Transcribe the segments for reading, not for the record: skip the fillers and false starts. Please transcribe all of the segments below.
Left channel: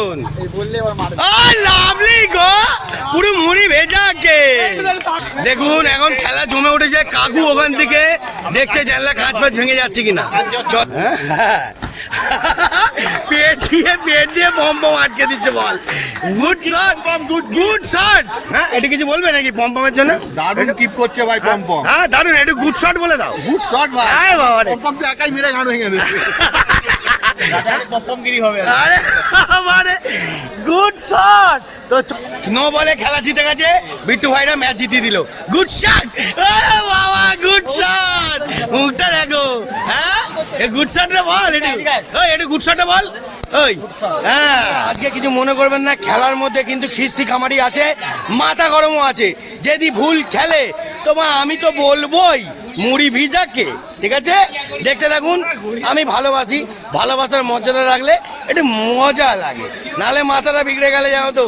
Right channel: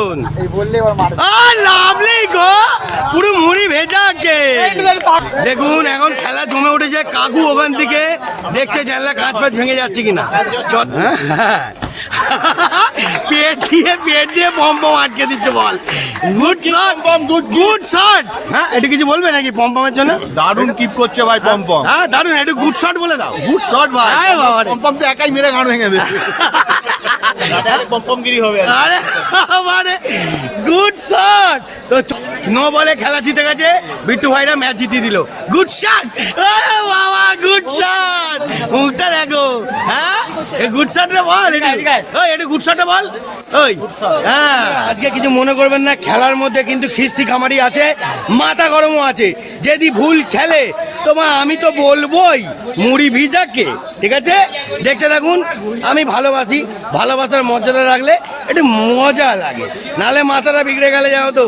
অসাধারণ lovely go পুরো মুড়ি ভেজা কে দেখুন এখন খেলা জমে উঠেছে কাকু ওখান থেকে দেখছে জানলা কাঁচ ফাঁচ ভেঙে যাচ্ছে কিনা পেট দিয়ে বম আটকে দিচ্ছে ball good shot good shot হ্যাঁ এটা কিছু বলবে নাকি পম্পমের জন্য দারুণ কিপ করছে ভাই পম্পম হ্যাঁ দারুণ একটু গুড শট বলে দাও গুড শট ভাই আরে বাবা রে পম্পম তো একাই মেরে গান ভেঙে দিচ্ছে পম্পমগিরি হবে আরে মানে গুড শট তো নো বলে খেলা জিতে গেছে বিট্টু ভাইরা ম্যাচ জিতিয়ে দিল গুড শট আরে বাবা গুড শট মুখটা দেখো হ্যাঁ এই গুড শট রে বল ওই এটা গুড শট বল ওই হ্যাঁ আজকে কিছু মনে করবেন না খেলার মধ্যে কিন্তু খিস্তি খামারি আছে মাথা গরমও আছে যদি ভুল খেলে তোমার আমি তো বলবোই মুড়ি ভিজাকে ঠিক আছে দেখতে থাকুন আমি ভালোবাসি ভালোবাসার মর্যাদা রাখলে একটু মজা লাগে নালে মাথাটা বিগড়ে গেলে যাও তো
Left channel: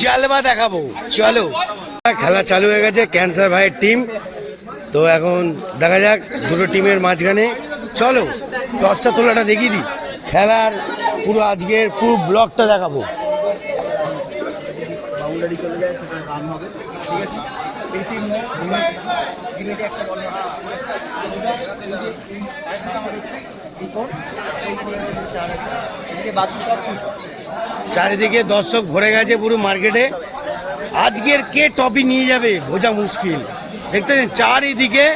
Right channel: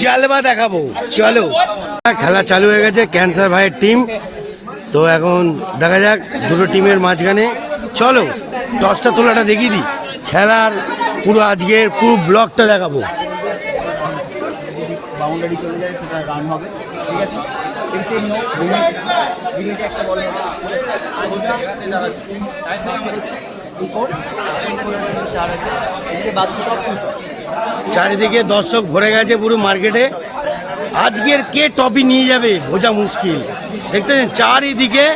জালবা দেখাবো চলো খেলা চালু হয়ে গেছে ক্যান্সার ভাইয়ের টিম তো এখন দেখা যাক দুটো টিমের মাঝখানে চলো টসটা তোলাটা দেখিয়ে দিই খেলার পুরো আজকের পুরো ব্লকটা দেখাবো বাউন্ডারি চলে যায় সেটা রান হবে ঠিক আছে পেসের নো লিমিটে একটা বল হবে এই কোড চার আছে এদিকে বাকি সব পুরো চারিদিকে দর্শক ভরে গেছে পুরো মার্কেটে আজকের কে টপি নিয়ে যাবে বোঝা মুশকিল দেখতে চারিদিকে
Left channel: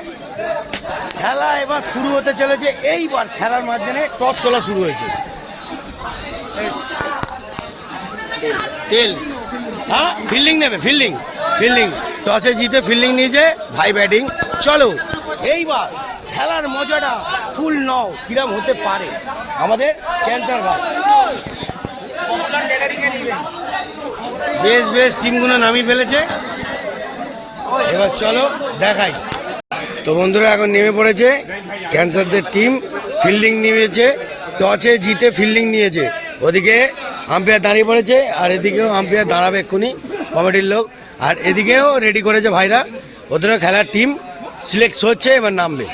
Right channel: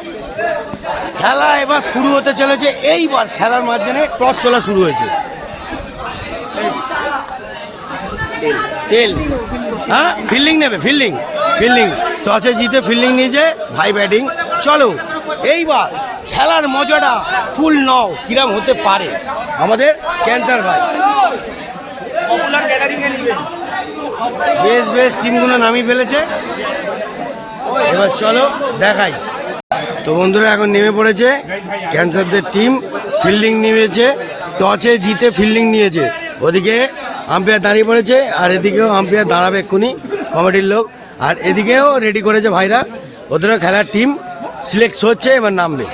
খেলা এবার শুরু হতে চলেছে এইবার খেলার মাঝখানে টস তোলা শুরু হয়েছে তেল হ্যাঁ ফিল্ডিং নেবে ফিল্ডিং টসে জিতে ফিল্ডিং নিয়েছে ভাই ব্যাটিং চলো এইবার খেলার মজাটা ফুল নাও কিরম হতে পারে আমাদের ক্যান্সার ভাই বেশ টিমগুলো নামিয়ে ফেলেছে এবার চলো দেখাই তো বন্ধুরা এখন নেমে পড়েছে ক্যান্সারদের টিম ফিল্ডিং নিয়েছে টসে জিতে ফিল্ডিং নিয়েছে ওদিকে আম্পায়ার দাঁড়িয়ে পড়েছে আর এদিকেও আম্পায়ার দাঁড়াবে এক্ষুনি কমিটির লোক আর এদিকেও রেডি করেছে ভাইরা ওদের খেলার টিম সিলেক্ট হচ্ছে এবার নামবে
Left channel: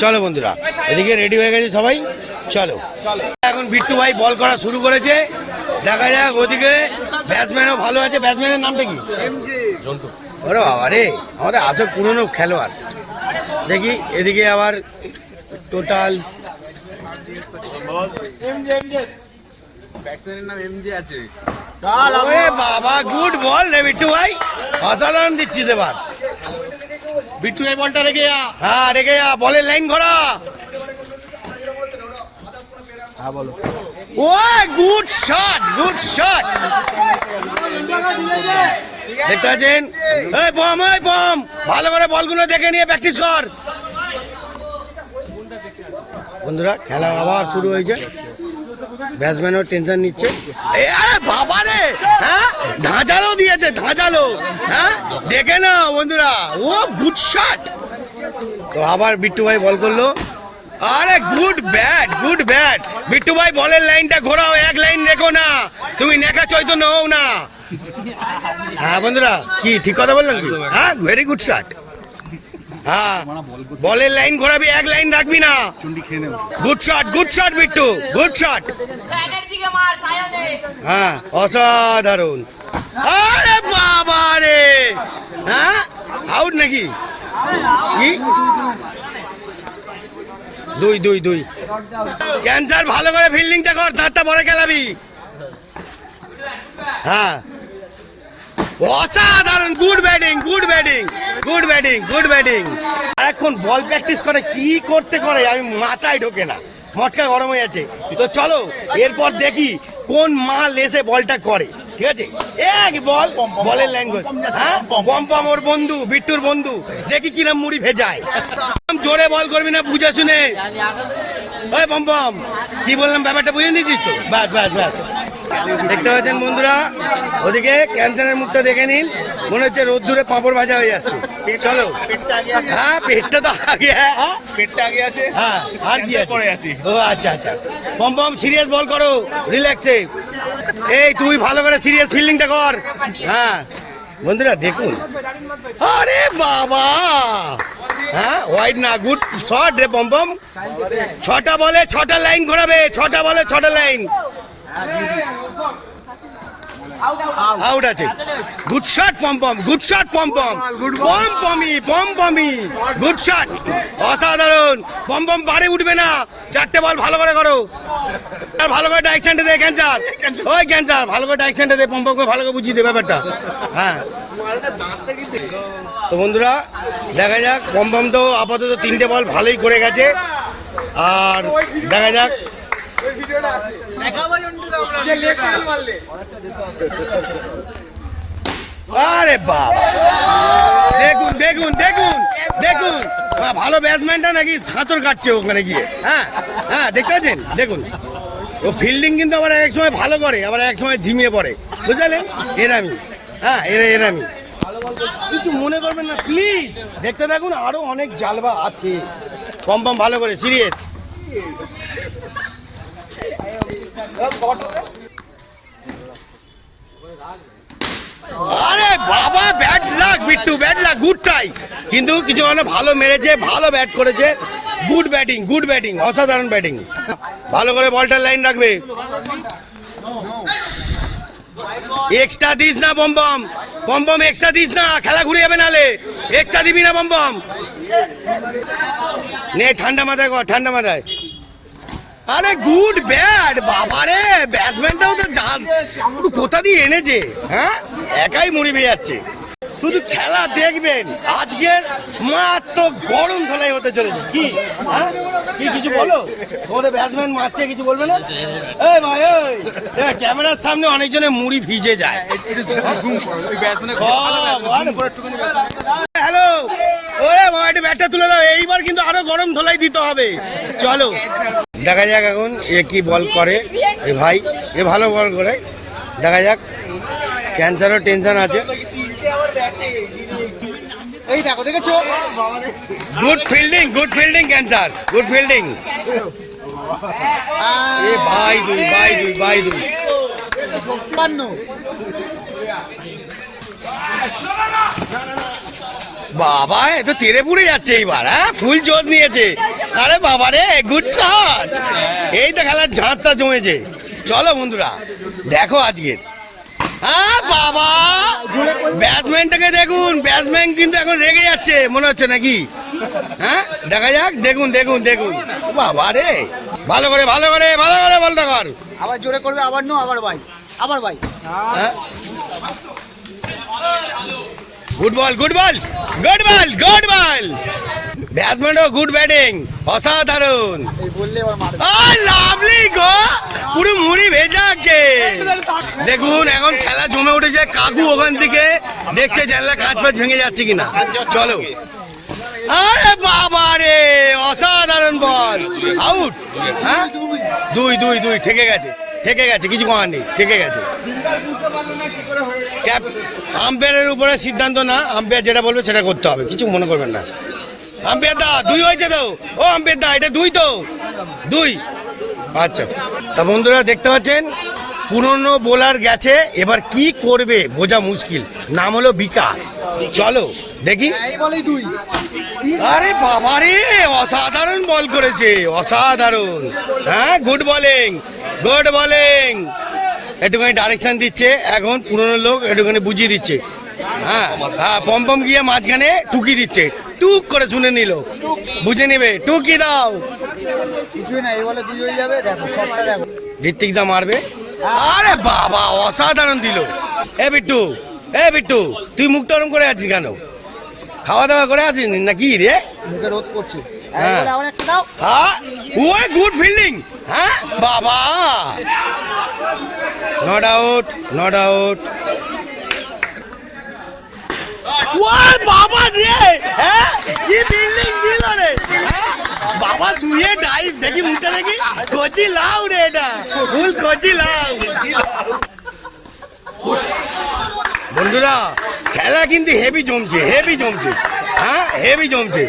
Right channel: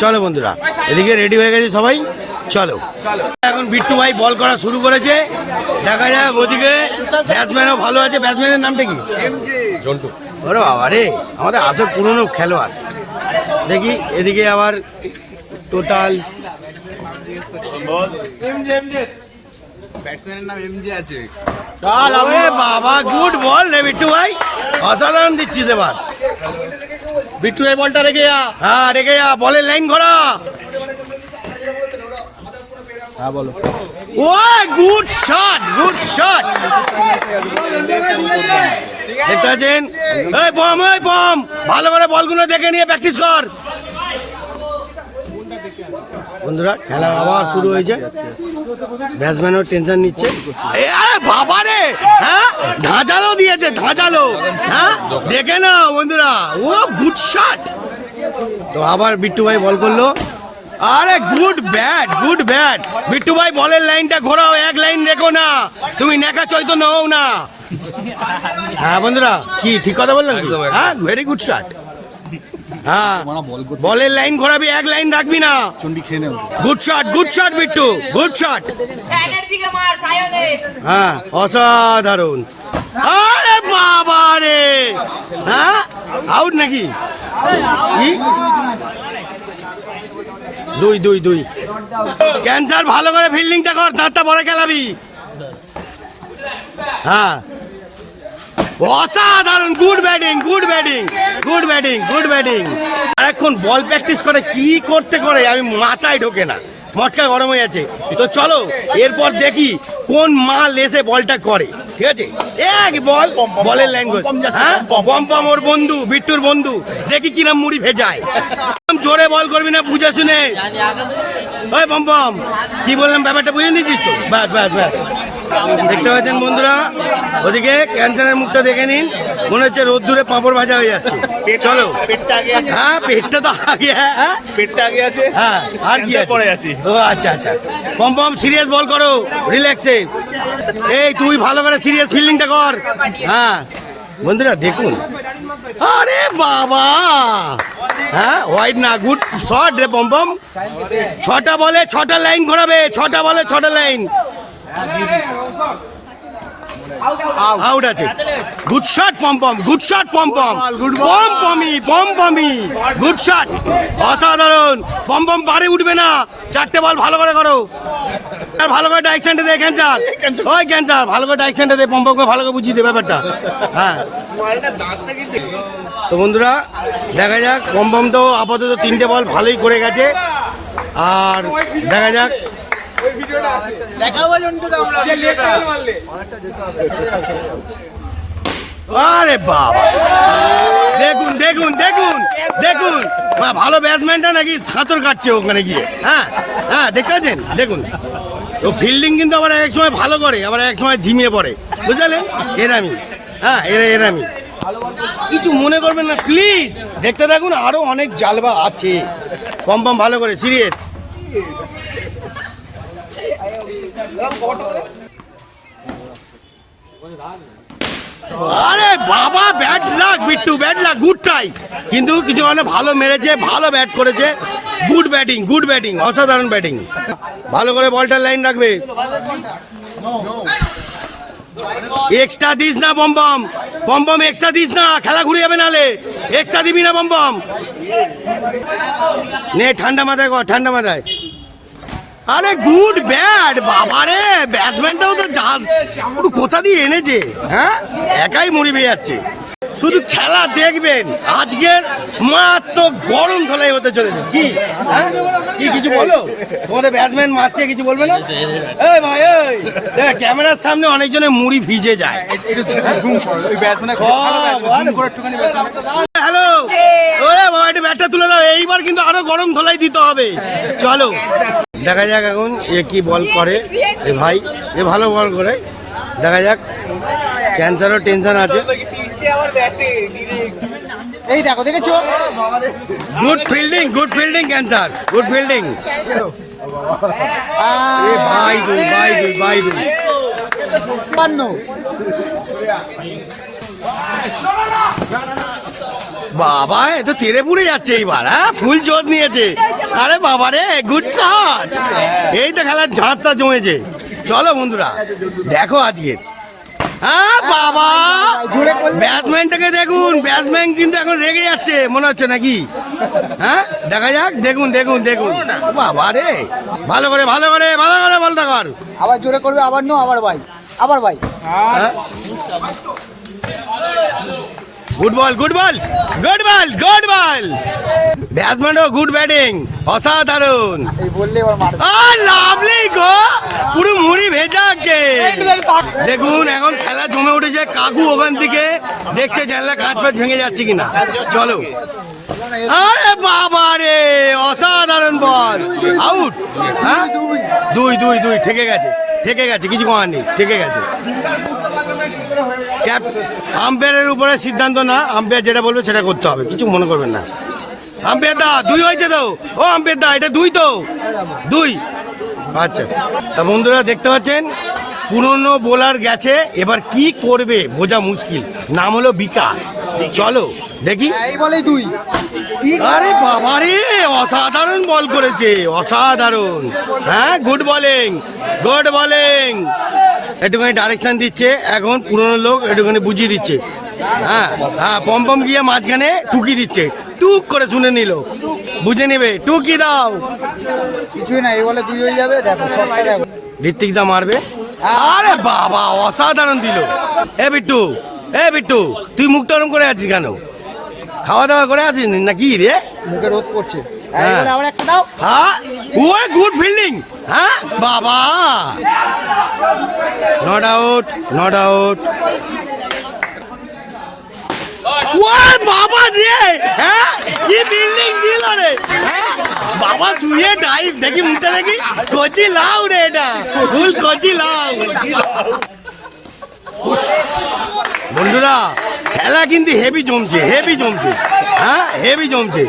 চলো বন্ধুরা এদিকে রেডি হয়ে গেছে সবাই চলো এখন বিট্টু ভাই বল করা শুরু করেছে দেখা যাক ওদিকে ব্যাটসম্যানও ভালো আছে ব্যাটসম্যানের নামটা কি ওরে বাবা রে আমাদের আসল পুরনো খেলোয়াড় দেখি এদিকে আবার টোটাল ব্যাটসম্যানের নাম এমজে আছে আরে বাবা গুড বল রে বিট্টু ভাই অসাধারণ দিচ্ছিস এবার বিট্টু এই বলটা রেখে যা হ্যাঁ রেখে যা বলের লাইন ঘোরা হ্যাঁ বলো ও গুড শট দেখতে পাচ্ছেন এই বম ভালো করে বলগুলো দেখে নিয়ে প্র্যাকটিস কর বন্ধুরা খেলা আবার শুরু হয়েছে ব্যাটসম্যানও টেনশন নিচ্ছে আরে বাবা রে হ্যাঁ ধাঁধালো দিয়েছে হ্যাঁ দেখে না বন্ধুরা ও গুড শট তো আবার বিট্টু ভাই বল করলো আরে গুড ব্যাট বিট্টু ভাই বলের লাইনটা ঘোরাও এক লাইন রেখো না তুমি নেকা চৈতন্য হও না হ্যাঁ বন্ধুরা কি ঠিক কথা বললাম কি হ্যাঁ ভেরি গুড শট হ্যাঁ বলের লাইন ঘোরাবি এক লাইন রাখবি না good shot Bittu good shot হ্যাঁ অসাধারণ আরে বাবা রে হ্যাঁ আউট নাকি কি দুই ক্যান্সার ভালো করে ফিল্ডিংটা কর তারটা বড় খেলাবি হ্যাঁ অসাধারণ গুড ব্যাটিং আর এখন বল প্র্যাকটিস করে কি করে আমি মাথায় ঢোকে না মটকা গরম হয়ে যাচ্ছে তো চলো এরপর দেখি কোন মাল এসে বলটা করে ঠিক আছে এক বলের লাইন হ্যাঁ পম ওর বন্ধু বিট্টুর বন্ধু দেখি কিরম মুড়ি ভেজায় জোরে বল করবি না বুঝে শুনে ওই পম কি বললাম ব্যাপারটা বুঝে নিয়েছিস তো বাস দেখতে পাচ্ছেন বন্ধুরা ওদিকে ক্যান্সারের মুখটা দেখে নিন মনে হচ্ছে রোদ্দুরে পাঁপড় ভাজা হয়ে যাচ্ছে চলো হ্যাঁ পেটটা তো আগে পেটটা আগে আছে হ্যাঁ আর কি পড়ে আছি ও আচ্ছা পম সিরিয়াস বল করো রিল্যাক্সে এই তুই ভালো করে সিরিয়াস ফিল্ডিংটা কর হ্যাঁ বন্ধুরা দেখুন আরে বাবা হ্যাঁ হোয়াইট না গুড শট রে পম 6টা বলে 6টা লাইন ঘোরাবে 6টা বলে 6টা লাইন আউট আছে। Good shot Pompom, good shot Pompom, পম্পমি, গুড শট, অসাধারণ। পম্পম বারে উঠবে না, 4টে বল ভালো করে করো। আর ভালো করে ডাইরেকশনটা দে ক্যান্সার, ওই ক্যান্সার ভালো করে ডাইরেকশনটা দে, পম্পমকে ভালো করে বুঝিয়ে দে ব্যাপারটা। হ্যাঁ তো বন্ধুরা দেখা যাক, পম্পম তো আপাতত 3টে বল ভালোই করে গেছে। আর দেখা যাক আরে বাবা, দেখুন দেখুন দেখুন দেখুন, ভালো ব্যাটসম্যানটা নাকি সাঁতর কাটছে ওখানে গিয়ে। হ্যাঁ হ্যাঁ দেখতে পাচ্ছেন, দেখুন ও ফিল্ডিং কিন্তু আবার এক সময় ভালো করে, আবার এক সময় ঝিমিয়ে পড়ে, বুঝলেন? এরামি, হ্যাঁ এরামি, কিছু মনে করবেন না প্লিজ, দেখতে থাকুন, আরো অনেক জালবা আছে। পম্পম ভালো করে, সিরিয়াস। আরে বাবা, ব্যাট লাগ বিট্টু, ব্যাট লাগ, গুড ট্রাই, কিন্তু কিছু মানে ভালো মেরেছে, ভালো ব্যাট করেছে, গুড ব্যাটিং, গুড ব্যাটিং, অসাধারণ ব্যাটিং। ভালো করে বলটার লাইন রাখবে। এক্সট্রা দিস না পম্পম, পম্পম এক্সট্রা দিস না, খেলা ঘুরে যাবে নালে, এক্সট্রা দিবি না পম্পম। নে ঠান্ডা মাথায় কর, ঠান্ডা মাথায়। আরে গুড ব্যাট, বাবারে ব্যাটসম্যানটাও তো জাল, পুরো কোথা দিয়ে এনেছে, হ্যাঁ একাই মরি পেয়ে যাচ্ছে। শুধু খেলা দেখবেন, আজকের মারাত্মক গরম ধলাই হতে চলেছে। কি হ্যাঁ কি কিছু বলো, তোমাদের ব্যাটসম্যান মারছে, কিছু বলবে না? এই ভাই ওই ক্যামেরার সামনে অনেকজনের মুড়ি ভিজে যায়। হ্যালো, ওরে বাবা একটু ব্যাটটা তুলে দাও, এইবার কিন্তু আরো গরম ধলাই দিতে হবে। চলো দেখা যাক এখন এ কি বল করে। এ ভাই এ ভালো বল করে, দেখা যাক। ক্যান্সারও টেনশন আছে। এই দেখো, দেখেছো? Good fielding, good fielding cancer, good fielding. ভাই দুই, ভাই দুই, ভাই দুই। বাবা এ তো তেরে পুড়ে যাচ্ছে এইবার, হ্যাঁ ফুল চোদ নিয়েছে। আরে বাবা রে, গুড শট, এই তো খেলার ঝাঁসটা জমেছে। চলো বন্ধুরা দেখো আজকে, হ্যাঁ বাবা ব্যাটসম্যানটাকে দেখুন, ব্যাটসম্যান কিন্তু এখন রেগে যাচ্ছে মনে হচ্ছে নাকি, হ্যাঁ দেখা যাক, দেখুন দেখুন দেখুন, বাবা রে ভালো করে ভালো করে ভালো করে বলটা কর। আবার জোরে করবে, আবার নো, আবার ভাই, আবার ভাই। Good ball, good ball, good ball, good ball, ব্যাটসম্যানও গুড ব্যাটিং, অসাধারণ। লাভলি গো, পুরো মুড়ি ভেজা কে। দেখুন এখন খেলা জমে উঠেছে, কাকু ওখান থেকে দেখছে জানলা কাঁচ ফাঁচ ভেঙে যাচ্ছে কিনা। চলো, আরে বাবা রে অসাধারণ বল, আউট। হ্যাঁ দুই দুই দুই, ঠেকে গেছে, ঠেকে গেছে, কিছু করার নেই, ঠেকে গেছে। আম্পায়ারের উপরে সিদ্ধান্ত না, আম্পায়ার যেটা বলবে সেটা করতে হবে, কিছু মনে করবেন না। আম্পায়ার দা দুই হয়েছে তো, ও আম্পায়ার দা এটা দুই তো, দুই। আচ্ছা তা বন্ধুরা দেখতে পাচ্ছেন পুরনো বোলার গেছে, এবার কি করবে বোঝা মুশকিল। নাম হলো বিকাশ, চলো দেখি। এই বলেই দুই। আরে বাবা রে অসাধারণ বল করেছে, অসাধারণ। হ্যাঁ গুড বোলিং, গুড বোলিং। একটুখানি ডাইরেকশন দিচ্ছে এখন, পুরনো লোক একটুখানি বুঝিয়ে দিচ্ছে। হ্যাঁ হ্যাঁ পম্পম গিয়ে মাঝখানে টুকি দিচ্ছে, টুক করে শুনে নিল, বুঝে নিবে, টুকি দাও। কিছুই না, এই বলে দুই হয়ে যাবে। দেখো শটটা দেখো, ঋত্বিক দা মারবে। আরে বাবা অসাধারণ দিল। এ বিট্টু, এ বিট্টু তুই মুখটা ওরম করে আছিস কেন? খাওয়া দাওয়া করে আছিস নাকি রে? মুখে রোদ পড়ছে। হ্যাঁ আবার একটা দাও। হ্যাঁ ও গুড ফিল্ডিং। হ্যাঁ বাবা, নট আউট, নট আউট। ও বাবা রে, হ্যাঁ কি ফিল্ডিং দিল রে, হ্যাঁ বাবা শুয়ে ডাইভ, দেখি মুখটা দেখি, কোচি লাউ রে, এটা ফুল কোচি লাউ। বন্ধুরা খেলা কিন্তু হেভি জমছে, হেভি জমছে, হ্যাঁ হেভি জমছে,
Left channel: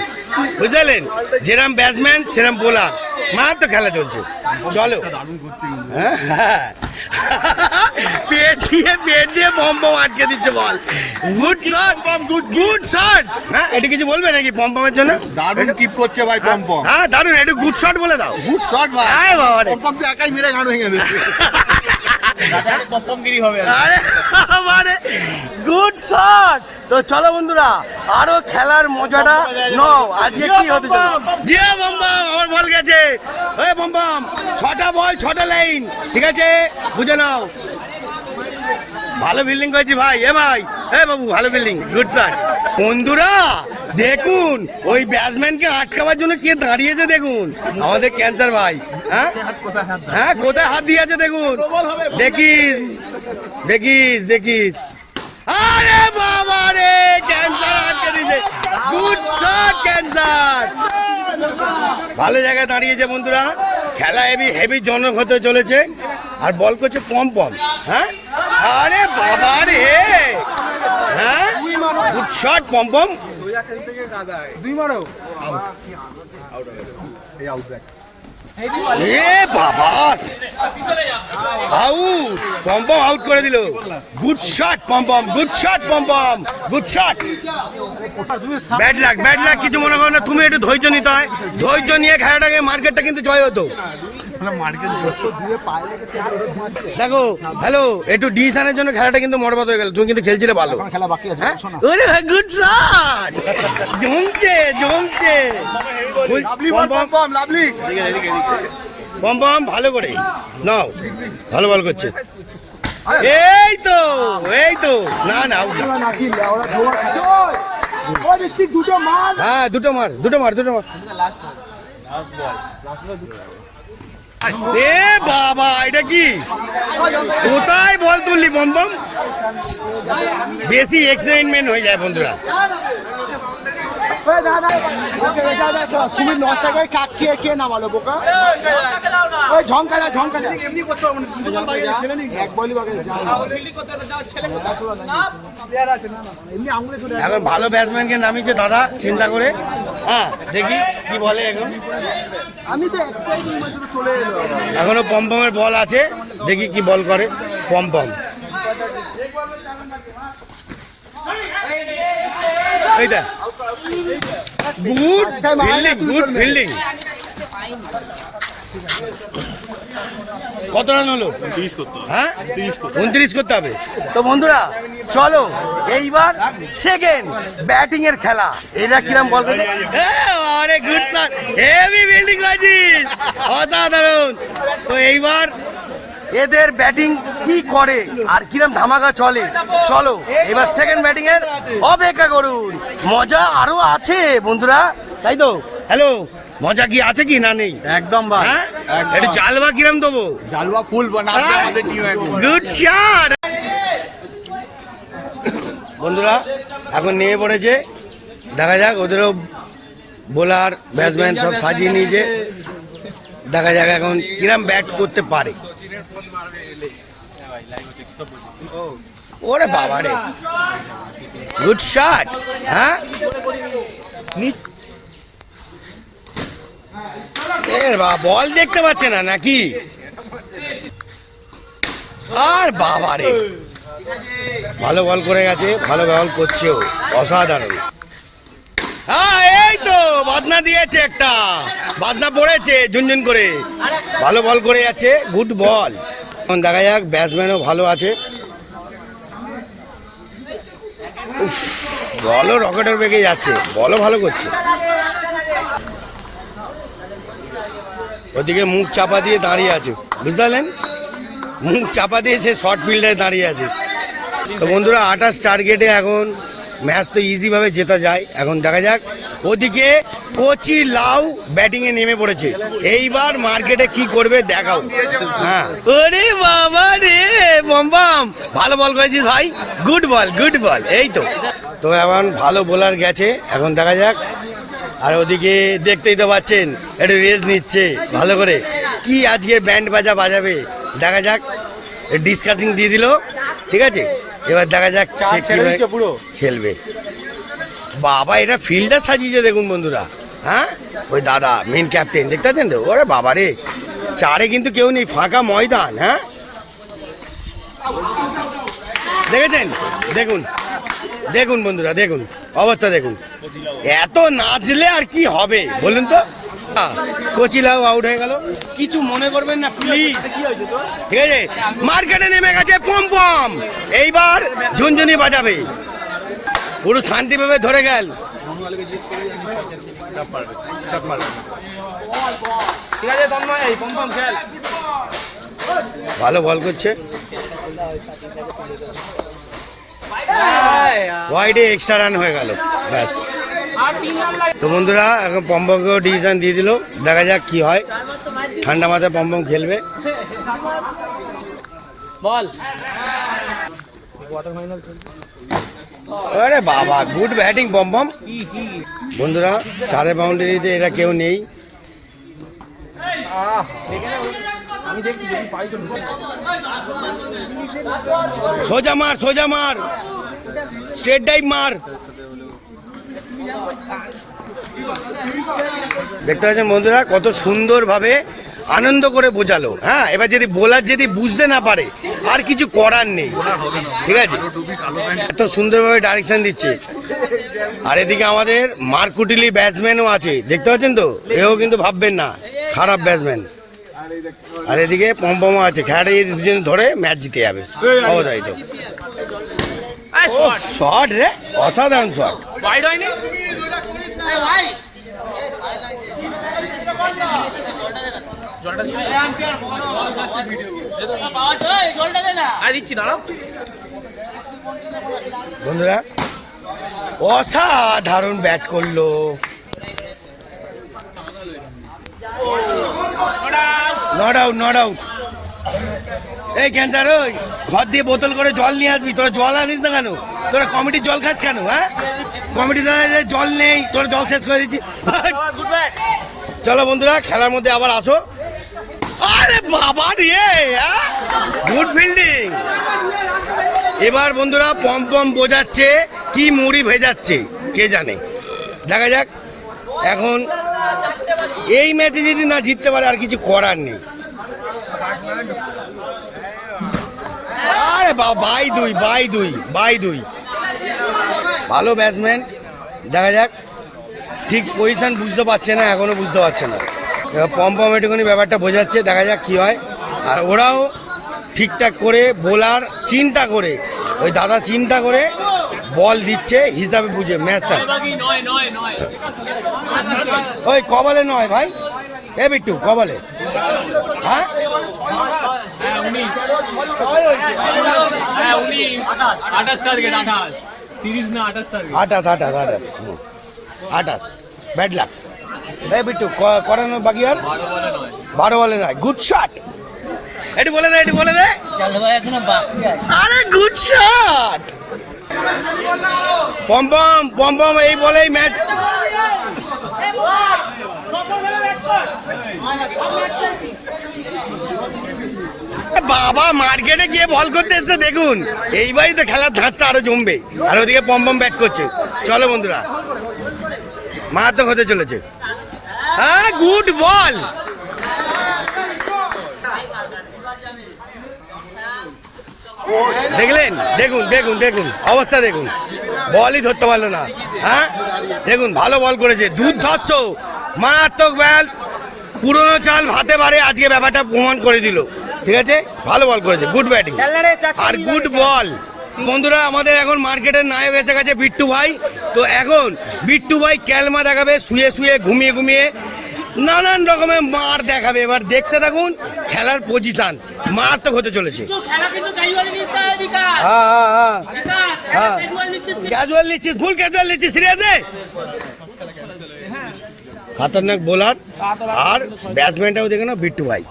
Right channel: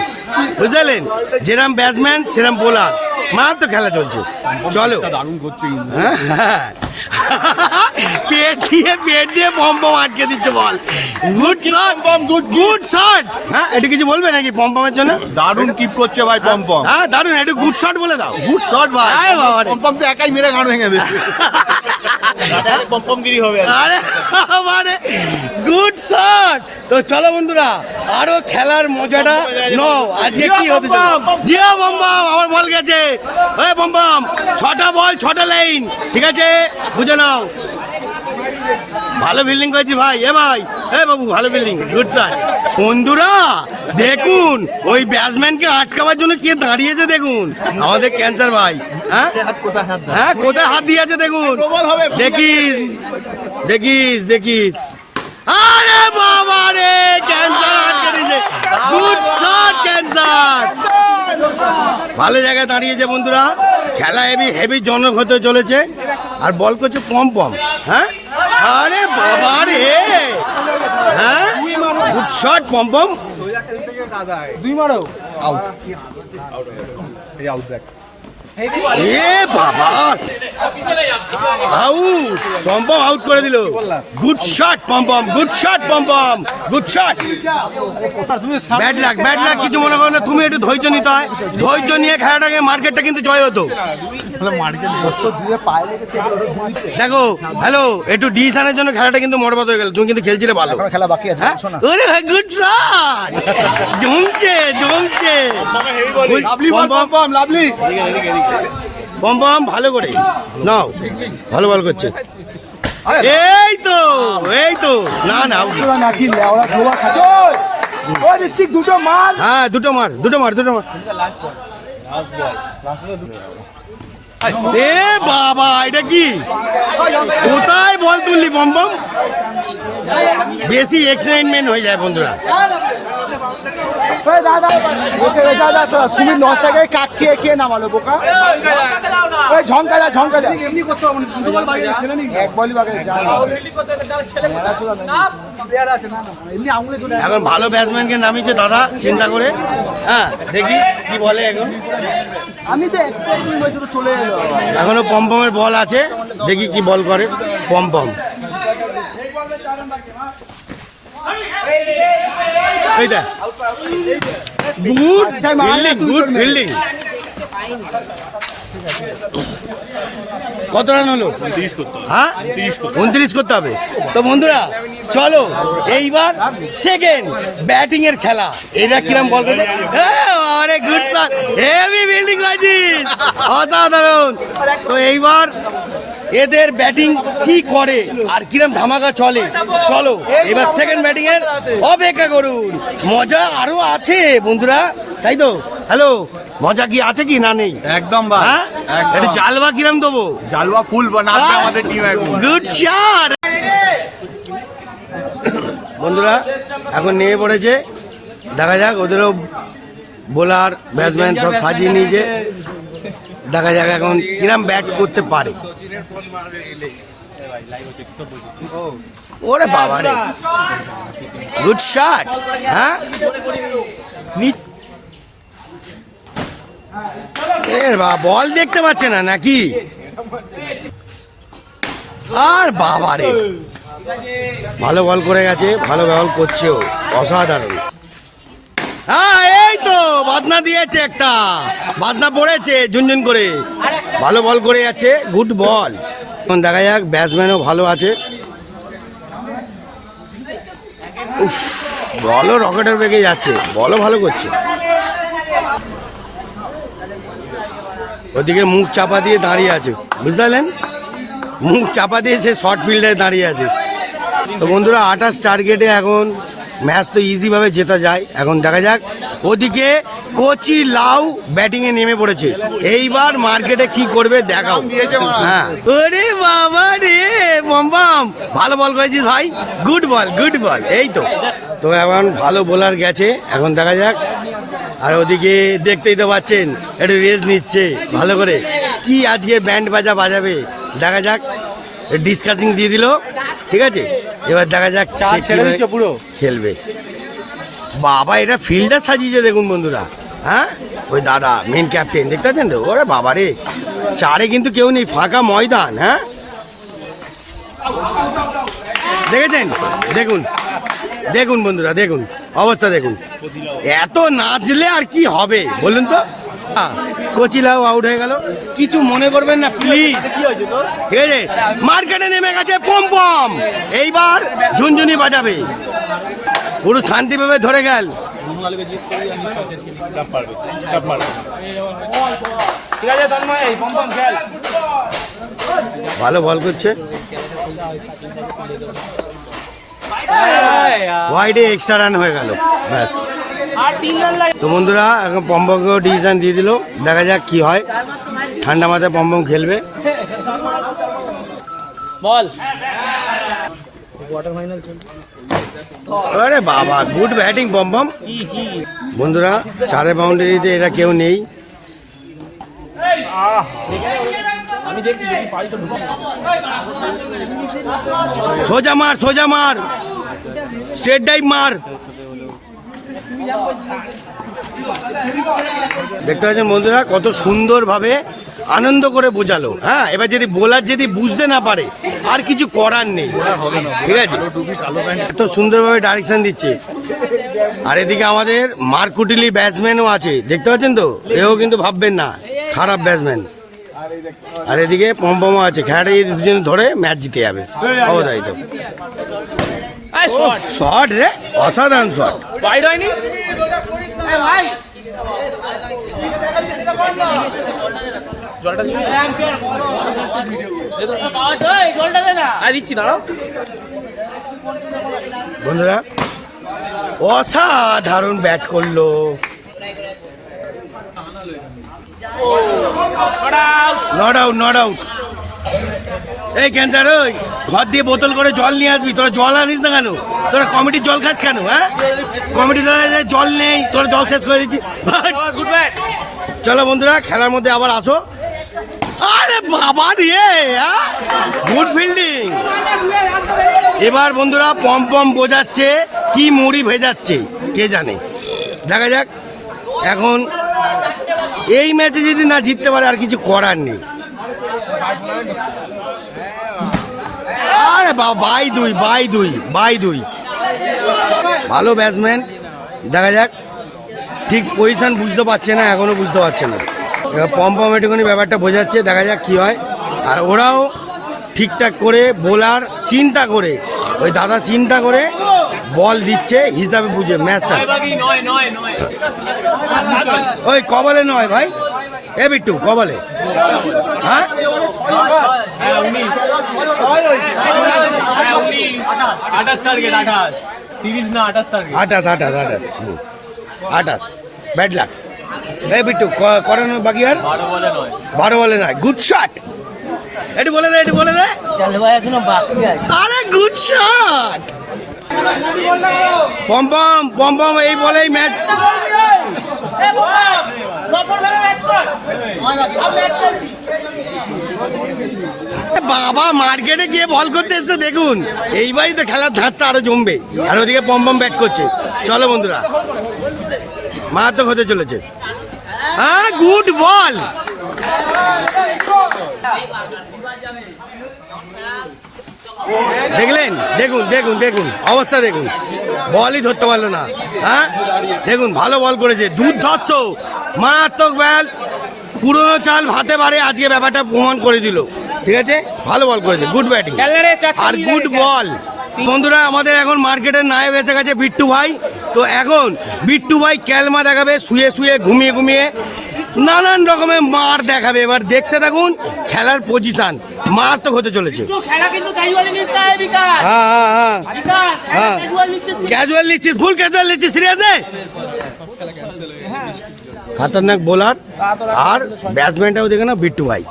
বুঝলেন? যেরাম ব্যাটসম্যান সেরাম বোলার, মার তো খেলা চলছে। চলো হ্যাঁ হ্যাঁ পেট দিয়ে পম্পম আটকে দিচ্ছে ball. Good shot, good shot. হ্যাঁ এটা কিছু বলবে নাকি পম্পমের জন্য? দারুণ কিপ করছে ভাই পম্পম। হ্যাঁ দারুণ, একটু গুড শট বলে দাও। গুড শট ভাই, আরে বাবা রে। পম্পম তো একাই মেরে গান ভেঙে দিচ্ছে। পম্পমগিরি হবে আরে মানে গুড শট। তো চলো বন্ধুরা আরো খেলার মজাটা নাও। আজকে কি হতে চলেছে? জিও বম্বাম আবার বল গেছে। ওই বম্বাম 6টা বল 6টা লাইন, ঠিক আছে বুঝে নাও। ভালো ফিল্ডিং করেছি ভাই। ভাই বাবু ভালো ফিল্ডিং, গুড শট। বন্ধুরা দেখুন ওই ব্যাটসম্যানকে আটকাবার জন্য কে দাঁড়িয়েছে দেখুন, আমাদের ক্যান্সার ভাই। হ্যাঁ হ্যাঁ কোথায় হাত দিয়েছে দেখুন, দেখিস দেখিস দেখিস। আরে বাবা রে ক্যান্সার আটকে দিয়েছে। গুড শট ক্যান্সার, ভালো জায়গায় দাঁড়িয়েছে বন্ধুরা। খেলা হেভি হেভি জনক হতে চলেছে। আর বল করছে পম পম। হ্যাঁ আরে বাবা রে, হ্যাঁ গুড শট পম পম। এ বাবা আউট, পম পম আউট করে দিল। গুড শট পম পম, গুড শট পম পম, গুড শট। ব্যাড লাক কিছু মনে করো না, তুমি একটু ধৈর্য নিতে হয়। ধৈর্য নিয়ে খেলাটাকে মার্কেটটা কিন্তু জয় হতো। দেখো হ্যালো একটু ডিসিশনের জন্য খেলাটা কিন্তু মরবাদ হয়ে গেল। তুমি কিন্তু খেলছিলে ভালো, খেলা বাকি আছে, হ্যাঁ? ওরে ভাই গুড শট, জমছে জমছে। লাভলি পম পম ভালো করে নাও, ভালো বল করছে। এই তো না না out। হ্যাঁ দুটো মার। এ বাবা এটা কি, কোথায় বল তুললি পম পম? বেশি এক্সাইটমেন্ট হয়ে যায় বন্ধুরা। সুমিত 9 টাকায় কাক খেয়ে নামালো বোকা। ঝঙ্কা যা এক বলই বাকি। এখন ভালো ব্যাটসম্যানকে নামিয়েছে দাদা চিন্তা করে। হ্যাঁ দেখি কি বলে এখন। আমি তো চলে এখনো পম পমের বল আছে, দেখি কি বল করে পম পম। এইটা গুড ফিল্ডিং। কত রান হলো? হ্যাঁ 29 করতে হবে। তো বন্ধুরা চলো এইবার সেকেন্ড ব্যাটিং এর খেলা। এরা কিরম বল করবে? আরে গুড শট, হেভি ফিল্ডিং করেছিস, অসাধারণ। তো এইবার এদের ব্যাটিং কি করে আর কিরম ধামাকা চলে, চলো এবার সেকেন্ড ব্যাটিং এর অপেক্ষা করুন। মজা আরো আছে বন্ধুরা, তাই তো? হ্যালো মজা কি আছে কি না নেই? একদম ভাই, হ্যাঁ একটা জালবা কিরম দেবো? জালুয়া ফুল বানাবে আমাদের টিম এখন। Good shot. বন্ধুরা এখন নিয়ে পড়েছে, দেখা যাক ওদেরও বোলার ব্যাটসম্যান সব সাজিয়ে নিয়েছে। দেখা যাক এখন কিরম ব্যাট করতে পারে। ওরে বাবা রে, গুড শট। হ্যাঁ বল দেখতে পাচ্ছে না নাকি? আর বাবা রে ভালো বল করে গেছে, ভালো বল করছেও, অসাধারণ। হ্যাঁ এই তো বাজনা দিয়েছে, একটা বাজনা পড়েছে ঝুনঝুন করে। ভালো বল করে যাচ্ছে, গুড বল। এখন দেখা যাক ব্যাটসম্যানও ভালো আছে। উফ বলও রকেটের বেগে যাচ্ছে, বলও ভালো করছে। ওদিকে মুখ চাপা দিয়ে দাঁড়িয়ে আছে, বুঝতে পারলেন? মুখ চাপা দিয়ে সে শর্ট ফিল্ডে দাঁড়িয়ে আছে। তো বন্ধুরা 28 টার্গেটে এখন ম্যাচ তো ইজিভাবে জেতা যায়। এখন দেখা যাক ওদিকে কোচি লাউ ব্যাটিংয়ে নেমে পড়েছে। এইবার মার্কেটে কি করবে দেখাও। হ্যাঁ ওরে বাবা রে বম ভালো বল করেছিস ভাই, গুড বল। এই তো এখন ভালো বোলার গেছে, এখন দেখা যাক। আর ওদিকে দেখতেই তো পাচ্ছেন একটু রেস্ট নিচ্ছে ভালো করে। কি আজকে ব্যান্ড বাজা বাজাবে দেখা যাক। ডিসকাসিং দিয়ে দিল, ঠিক আছে। এবার দেখা যাক খেলবে। বাবা এটা ফিল্ডার সাজিয়েছে দেখুন বন্ধুরা। হ্যাঁ ওই দাদা মেন ক্যাপ্টেন দেখতে পাচ্ছেন তো? ওরা বাবা রে চারে কিন্তু কেউ নেই, ফাঁকা ময়দান। হ্যাঁ দেখেছেন? দেখুন বন্ধুরা, দেখুন অবস্থা দেখুন। এত নাচলে আর কি হবে বলুন তো? কোচিলাও আউট হয়ে গেল, কিছু মনে করবেন না প্লিজ। ঠিক আছে, মার্কেটে নেমে গেছে পম পম, এইবার ঝুনঝুনি বাজাবে। পুরো শান্তিভাবে ধরে গেল। ভালো বল করছে, হোয়াইটে এক্সট্রা রান হয়ে গেল, ব্যাস। তো বন্ধুরা এখন পম্পমকেও ডিসিশন দিয়ে দিল, দেখা যাক কি হয়। ঠান্ডা মাথায় পম্পম খেলবে। আরে বাবা, গুড ব্যাটিং পম্পম। বন্ধুরা 4 বাউন্ডারিতে এরা কেউ নেই। সোজা মার, সোজা মার, স্ট্রেট ডাইভ মার। দেখতে পাচ্ছেন বন্ধুরা কত সুন্দরভাবে আনন্দ করে বোঝালো। হ্যাঁ, এবার যদি বোলার যদি বুঝতে না পারে আর কিছু করার নেই, ঠিক আছে। এত সুন্দরভাবে ডাইরেকশন দিচ্ছে। আর এদিকে আমাদের মারকুটিলি ব্যাটসম্যানও আছে, দেখতে পাচ্ছেন তো, এও কিন্তু ভাববেন না খারাপ ব্যাটসম্যান। আর এদিকে পম্পমও আছে, খেলাটা যদি দুজন ধরে ম্যাচ জিতে যাবে। শট রে, অসাধারণ শট। বন্ধুরা অসাধারণ ব্যাট করলো। Not out, not out. এই ক্যান্সার, ওই ঘর দিয়ে বোতল করে জল নিয়ে আসবি। তোরা জল আনিস না কেন? তোরা কমিটির জল খাস কেন? হ্যাঁ, কমিটির জল নেই, তোরা জল শেষ করে দিচ্ছি। চলো বন্ধুরা, খেলার মধ্যে আবার আসো। আরে বাবা রে, গুড ফিল্ডিং। এবার বন্ধুরা পম্পম বোঝাচ্ছে কি মুড়ি ভেজাচ্ছে কে জানে, দেখা যাক। এখন এই ম্যাচে যদি না জিততে পারে আর কিছু করার নেই। আরে বাবা, বাই দুই, বাই দুই, বাই দুই। ভালো ব্যাটসম্যান, দেখা যাক। ঠিক পজিশন বুঝতে পারছে না, এখনো বুঝতে পারছে না। পম্পম একটুখানি ব্যাপারটা বোঝাচ্ছে, দেখা যাক কি হয়। আর ওরাও ঠিকঠাক করে বোলার চিন্তা করে, ওই দাদা চিন্তা করে বল দিচ্ছে হিসাবে বুঝে ম্যাচটা। ওই কবলে নয় ভাই, এ বিট্টু কবলে। হ্যাঁ, 28 ব্যাড লাক। এ বিট্টু করানো বাকি আর 12 বলে নয়। গুড শট, এটি বলে দে, এটি বলে দে। আরে গুড শট পম্পম, পম্পম এই বলেই ম্যাচ। বাবা মার্কেটে গিয়ে বল করতে এসছে, দেখুন এইবারই তো খেলার ধাঁচটা আরো জমবে। আর ওদিকে পম্পম ব্যাট করছে। চলো বন্ধুরা, মারাত্মক হতে চলেছে। হ্যাঁ, গুড বল। দেখলেন, দেখুন দেখুন দেখুন অবস্থা দেখুন, বলই ধরতে পারলো না। হ্যাঁ, দেখুন ভালো বল করেছে, দুর্ধর্ষ মারাত্মক বল। পুরনো চাল ভাতে পারে, আজকে ব্যাপারটা প্রমাণ করে দিল। ঠিক আছে, ভালো বল করেছে, গুড ব্যাটিং আর গুড বল। বন্ধুরা আমাদের এখন মার্কেটের নায়ক এসে গেছে বিট্টু ভাই। তো এখন বিট্টু ভাই ক্যালমা দেখাবে, শুয়ে শুয়ে ঘুমিয়ে ঘুমিয়ে নানান রকমের মার দেখাবে। এবার দেখতে থাকুন, খেলার পজিশন মারাত্মক হতে চলেছে। হ্যাঁ হ্যাঁ হ্যাঁ হ্যাঁ, ক্যাজুয়াল নিচ্ছিস, ফুল ক্যাজুয়াল নিচ্ছিস, সিরিয়াসে। খতরনাক বোলার আর ব্যাটসম্যানটাও দেখে না বিট্টু ভাই।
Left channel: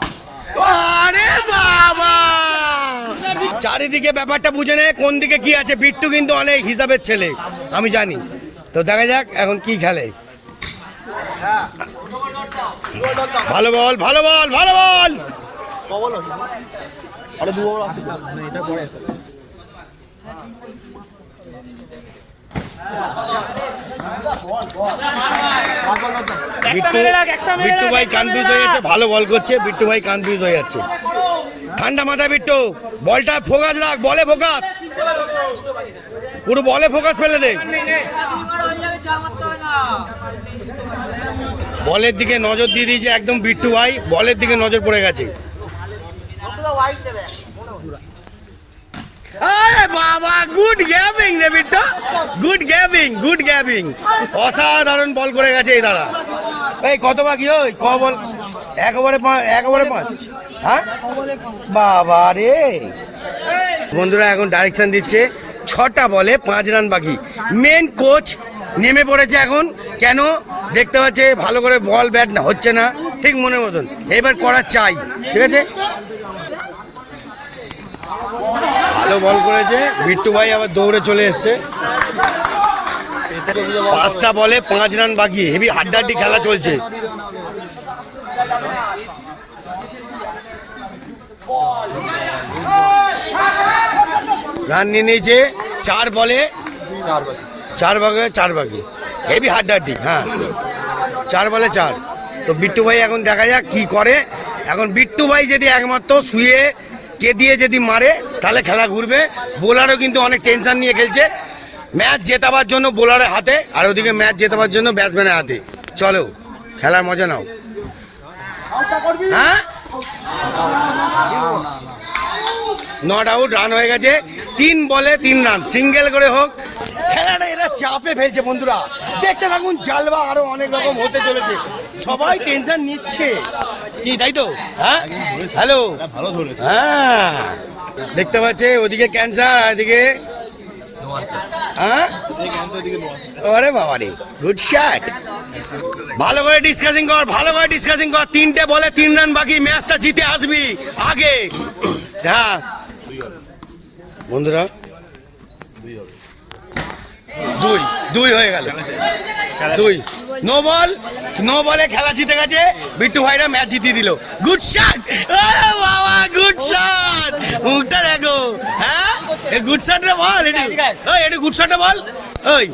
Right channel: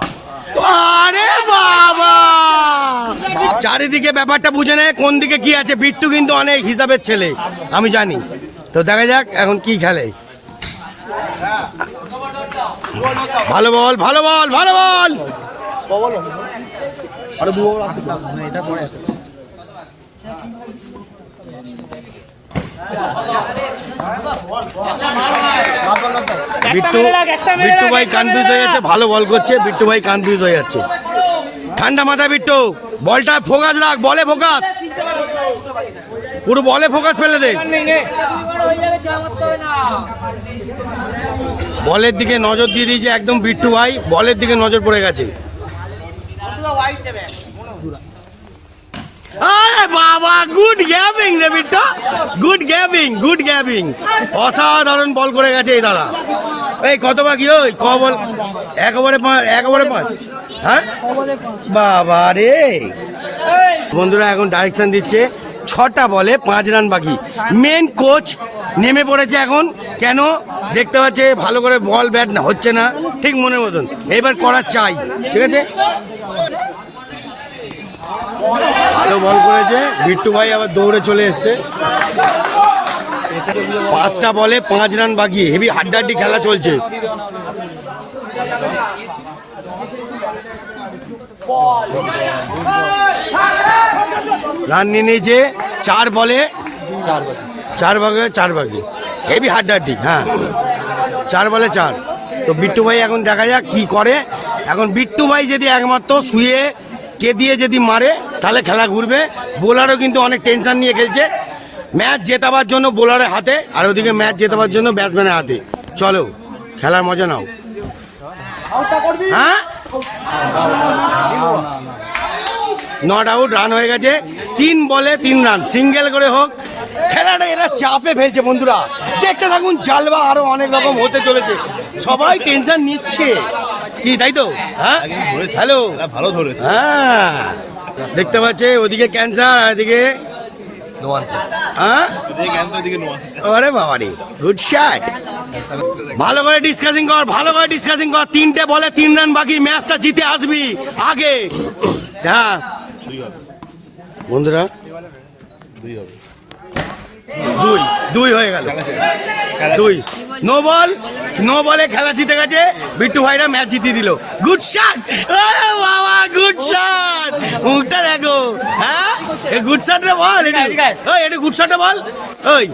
আরে বাবা, চারিদিকে ব্যাপারটা বুঝে নেয় কোন দিকে কি আছে। বিট্টু কিন্তু অনেক হিসাবের ছেলে, আমি জানি। তো দেখা যাক এখন কি খেলে। ভালো বল, ভালো বল, ভালো বল। বিট্টু ভাই কনফিউজ হয়ে যাচ্ছে, ভালো বল করছে, বিট্টু ভাই কনফিউজ হয়ে যাচ্ছে। ঠান্ডা মাথা বিট্টু, বলটা ফোকাস রাখ, বলে ফোকাস, পুরো বলে ফোকাস ফেলে দে। বলের দিকে নজর দিয়ে দিয়েছে একদম বিট্টু ভাই, বলের দিকে নজর পড়ে গেছে। আরে বাবা, গুড গ্যাবিং রে বিট্টু, গুড গ্যাবিং, গুড গ্যাবিং, অসাধারণ বল করে গেছে এই দাদা। এই কত বাকি ওই ক বল? একেবারে 5 হ্যাঁ বাবা রে। বন্ধুরা এখন ডাইরেকশন দিচ্ছে, 6টা বলে 5 রান বাকি। মেন কোচ নেমে পড়েছে এখন, কেন দেখতে পাচ্ছে ভালো করে বল ব্যাট না হচ্ছে না ঠিক মনে মতন, এবার করা চাই, ঠিক আছে। ভালো বল করেছে বিট্টু ভাই, আবার দৌড়ে চলে এসছে। 5টা বলে 5 রান বাকি, হেভি হাড্ডাহাড্ডি খেলা চলছে। রান নিয়ে নিয়েছে 4 বলে 4 বাকি, হেভি হাড্ডাহাড্ডি। হ্যাঁ 4 বলে 4। তো বিট্টু ভাই এখন দেখা যাক কি করে। এখন বিট্টু ভাই যদি একমাত্র শুয়ে কে দিয়ে যদি মারে তাহলে খেলা ঘুরবে। বোলারও কিন্তু অনেক টেনশন নিয়ে খেলছে, ম্যাচ জেতাবার জন্য বোলারের হাতে, আর ওদিকে ম্যাচ জেতাবার জন্য ব্যাটসম্যানের হাতে। চলো খেলার মজা নাও। হ্যাঁ নট আউট, রান হয়ে গেছে 3 বলে 3 রান, সিঙ্গেল করে হোক। খেলাটা এরা চাপে ফেলছে বন্ধুরা, দেখতে থাকুন, জালবা আরো অনেক রকম হতে চলেছে। সবাই টেনশন নিচ্ছে কি, তাই তো? হ্যাঁ হ্যালো, ভালো ধরেছে। হ্যাঁ দেখতে পাচ্ছে ওদিকে ক্যান্সার আর এদিকে হ্যাঁ। আরে বাবা রে, গুড শট। ভালো করে ডিসকাসিং কর, ভালো করে ডিসকাসিং কর। 3টে বলে 3 রান বাকি, ম্যাচটা জিতে আসবি আগে। হ্যাঁ বন্ধুরা 2 হয়ে গেল, 2 নো বলে খেলা জিতে গেছে বিট্টু ভাইরা, ম্যাচ জিতিয়ে দিল। গুড শট, বাবা গুড শট, মুখটা দেখো। হ্যাঁ গুড শট রে বল, এটা গুড শট রে বল। ওই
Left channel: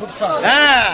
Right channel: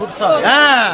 হ্যাঁ